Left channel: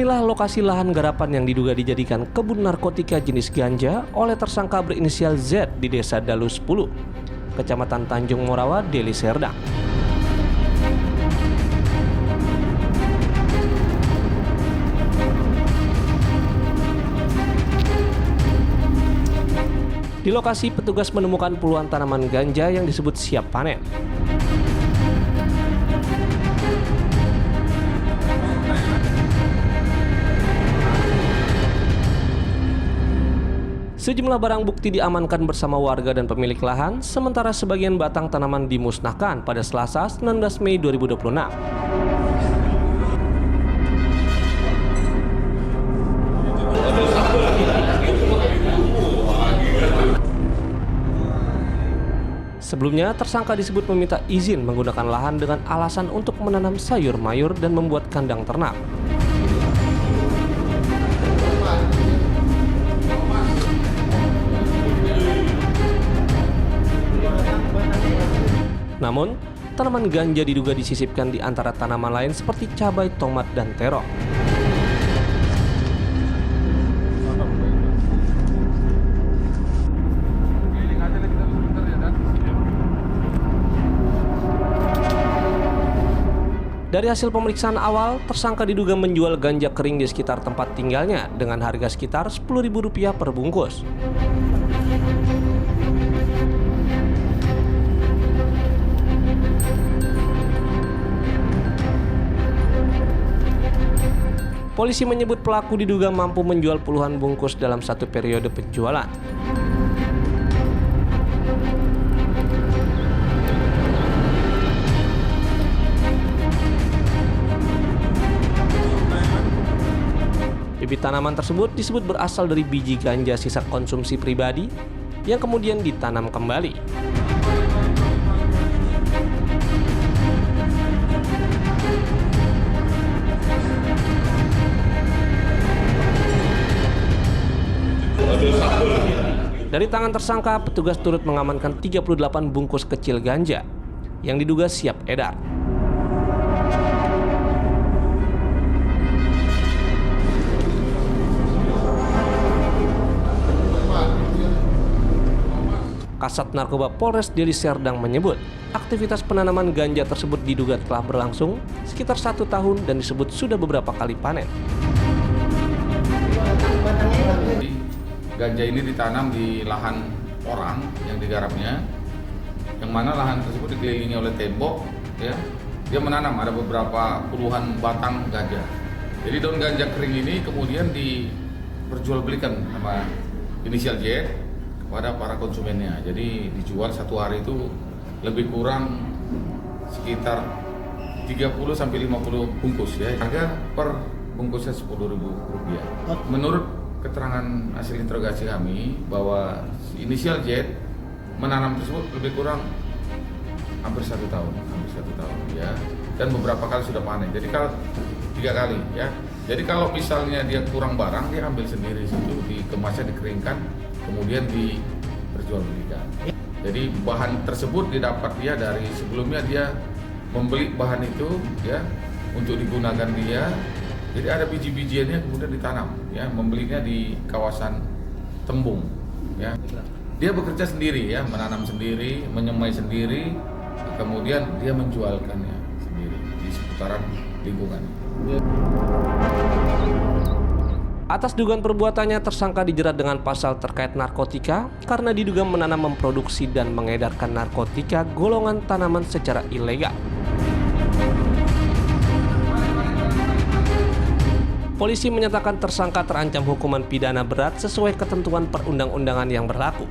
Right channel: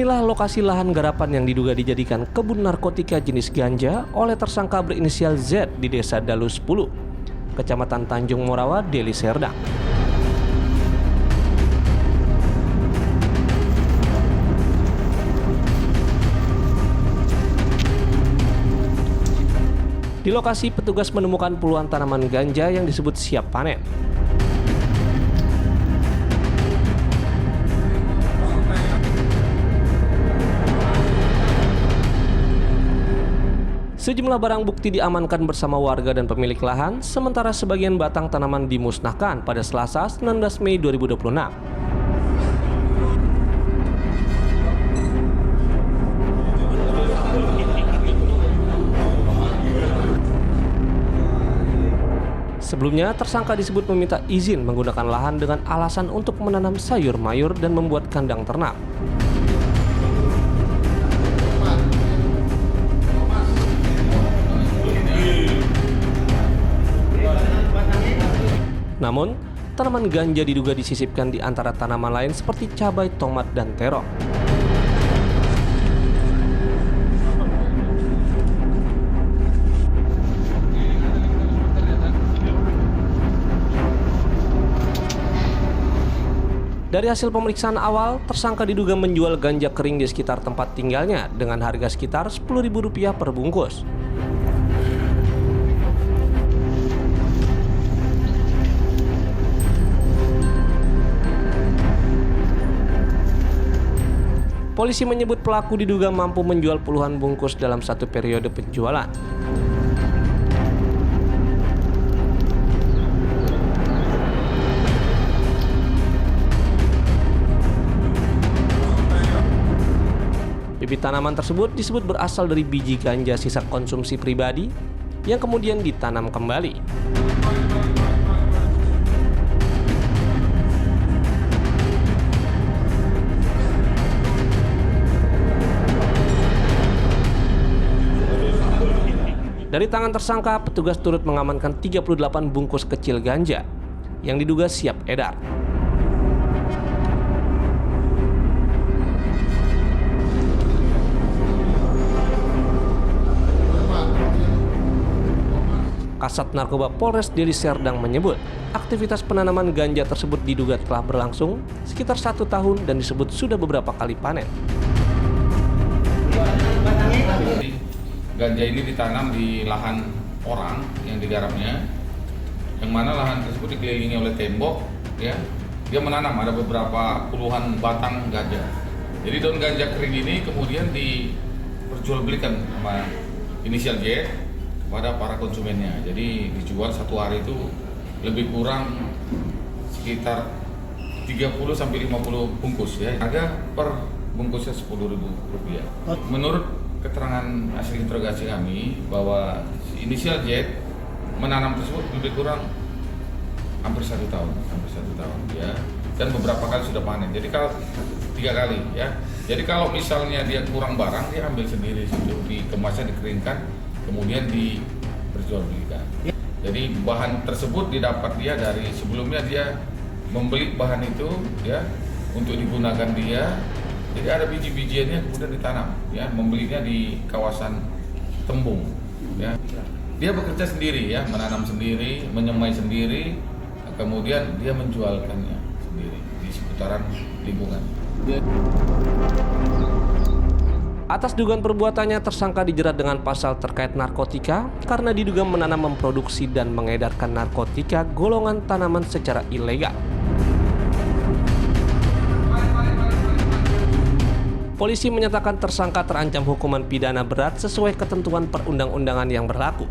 Inilah lokasi lahan garapan yang diduga dijadikan kebun narkotika jenis ganja oleh tersangka berinisial Z di Desa Dalu 10, Kecamatan Tanjung Morawa, Deli Serdang. Di lokasi, petugas menemukan puluhan tanaman ganja yang disebut siap panen. Sejumlah barang bukti diamankan bersama warga dan pemilik lahan, sementara sebagian batang tanaman dimusnahkan pada Selasa 19 Mei 2026. Sebelumnya, tersangka disebut meminta izin menggunakan lahan dengan alasan untuk menanam sayur mayur dan membuat kandang ternak. Namun, tanaman ganja diduga disisipkan di antara tanaman lain seperti cabai, tomat, dan terong. Dari hasil pemeriksaan awal, tersangka diduga menjual ganja kering di sekitar tempat tinggalnya dengan harga sekitar Rp10.000 per bungkus. Polisi menyebut pelaku diduga mampu menjual puluhan bungkus dalam satu periode penjualan. Bibit tanaman tersebut disebut berasal dari biji ganja sisa konsumsi pribadi yang kemudian ditanam kembali. Dari tangan tersangka, petugas turut mengamankan 38 bungkus kecil ganja yang diduga siap edar. Kasat Narkoba Polres Deli Serdang menyebut, aktivitas penanaman ganja tersebut diduga telah berlangsung sekitar 1 tahun dan disebut sudah beberapa kali panen. Ganja ini ditanam di lahan orang yang digarapnya, yang mana lahan tersebut dikelilingi oleh tembok, ya. Dia menanam ada beberapa puluhan batang ganja. Jadi daun ganja kering ini kemudian diperjualbelikan sama inisial J kepada para konsumennya. Jadi dijual satu hari itu lebih kurang sekitar 30 sampai 50 bungkus, ya. Harga per bungkusnya Rp10.000. Menurut keterangan hasil interogasi kami bahwa inisial Z menanam tersebut lebih kurang hampir 1 tahun, ya, dan beberapa kali sudah panen. Jadi kalau 3 kali, ya. Jadi kalau misalnya dia kurang barang, dia ambil sendiri situ, dikemasnya, dikeringkan, kemudian diperjualbelikan. Jadi bahan tersebut didapat dia dari sebelumnya dia membeli bahan itu, ya, untuk digunakan dia. Jadi ada biji-bijiannya kemudian ditanam, ya, membelinya di kawasan Tembung, ya. Dia bekerja sendiri, ya, menanam sendiri, menyemai sendiri, kemudian dia menjualkannya sendiri di seputaran lingkungan. Atas dugaan perbuatannya, tersangka dijerat dengan pasal terkait narkotika karena diduga menanam, memproduksi, dan mengedarkan narkotika golongan tanaman secara ilegal. Polisi menyatakan tersangka terancam hukuman pidana berat sesuai ketentuan perundang-undangan yang berlaku.